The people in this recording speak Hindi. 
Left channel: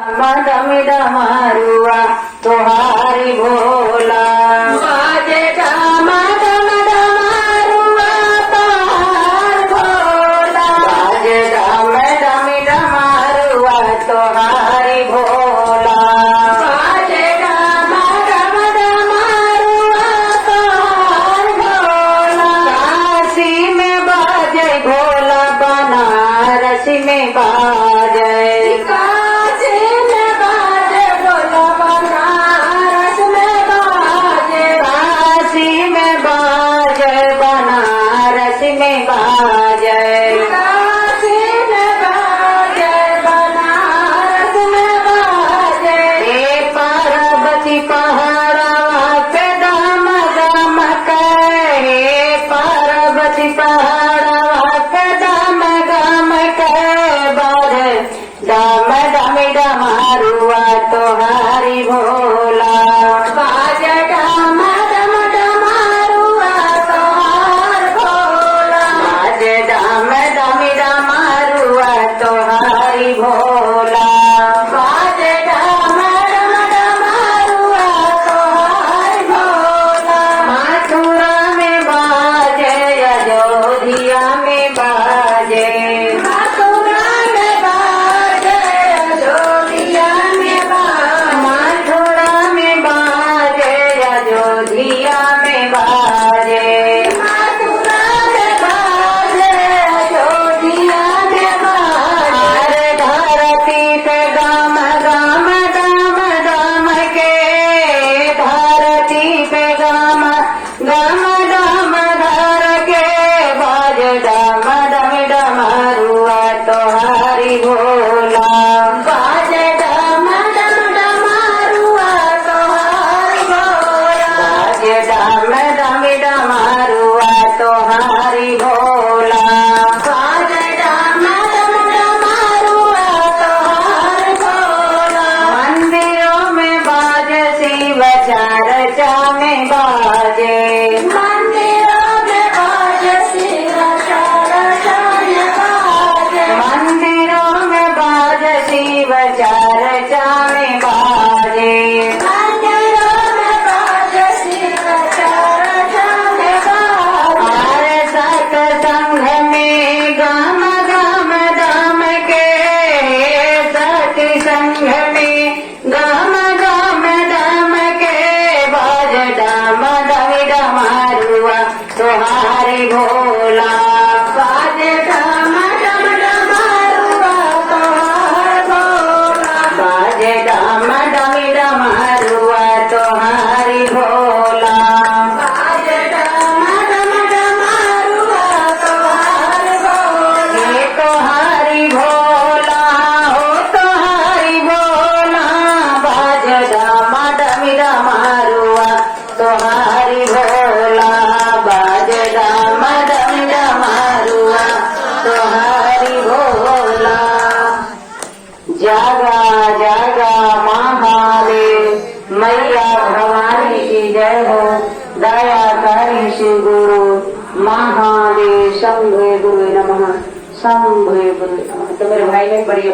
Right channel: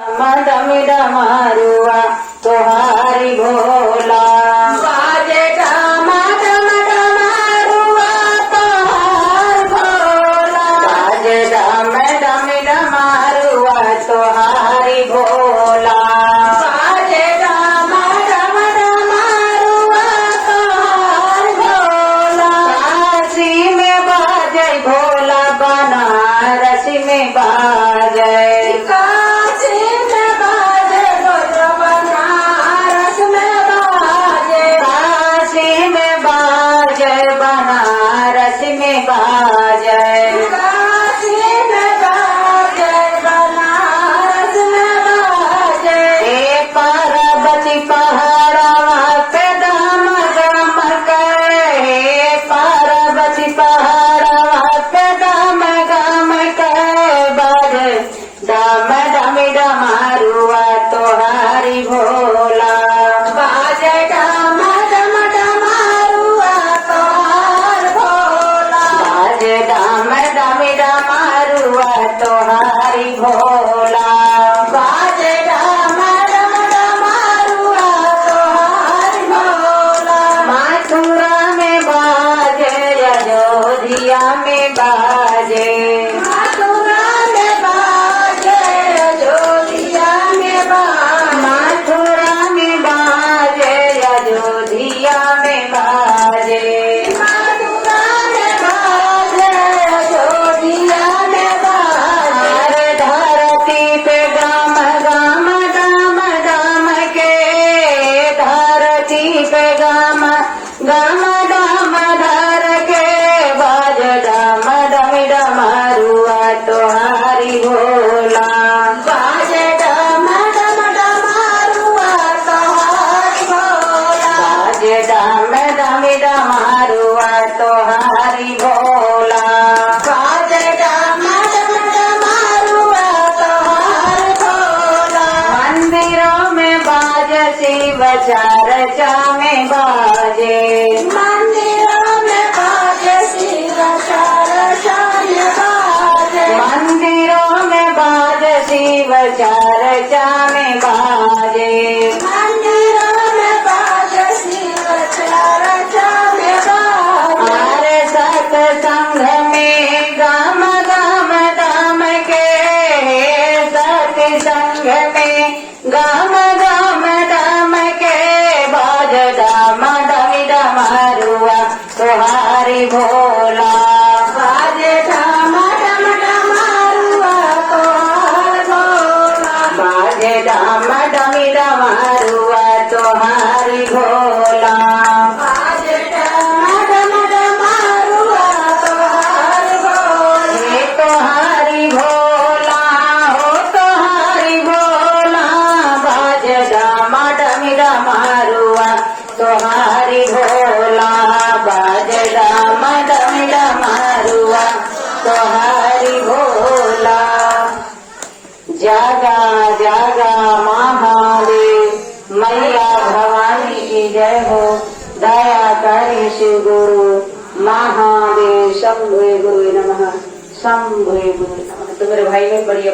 मद मारुआ तोहारी भोला बाजे मद मारुआ तोहार भोला बाजे मद मारुआ तोहारी भोला बाजे मद मारुआ तोहार भोला काशी में बाजे भोला बनारस में बाजे जय बनारस में बाजय काशी में बाजय बनारस में बाजय पार्वती पहाड़ा पे दाम दाम के पार्वती पहाड़ा पे दाम दाम के बाजय दाम दाम डमारुआ तोहारी भोला बाजय दाम दाम दमी डमारुआ तोहारी भोला बाजे दाम डमारुआ तोहारी भोला मथुरा में बाजे अयोध्या में बाजे मथुरा में बाजे अयोध्या में बाजे मथुरा में बाजे अयोध्या में बाजे पे गाम गाम गाम गाम के धरती पे गाम गाम गाम धर के बाज डाम डम डमरुआ तोहारी भोला बाज डाम डम डमरुआ तोहारी भोला बाज डाम डम डमरुआ तोहारी भोला बाज डाम चर्चा में बाजे मंदिरों में बाजे शिव चर्चा में बाजे मंदिरों में बाजे शिव चर्चा में बाजे मंदिरों में बाजे शिव चर्चा में बाजे सत्संग में गाम गाम दाम के सत्संग में गाम गाम दाम मदमी डमारुआ तोहारी भोला बाजे डमारुआ तोहार भोला बाजे डमी डमारुआ तोहारी भोला बाजे डमारुआ तोहारी भोला तोहारी भोला हो तोहारी भोला बाजे डमी डमारुआ तोहारी भोला बाजे डाम डम डमारुआ तोहारी भोला जागा जागा माँ भावे मैया भवानी की जय हो दया करी शिव गुरु महादेव शंभु गुरु नमः शंभु गुरु नमः। तो मेरे भाई ने बढ़िया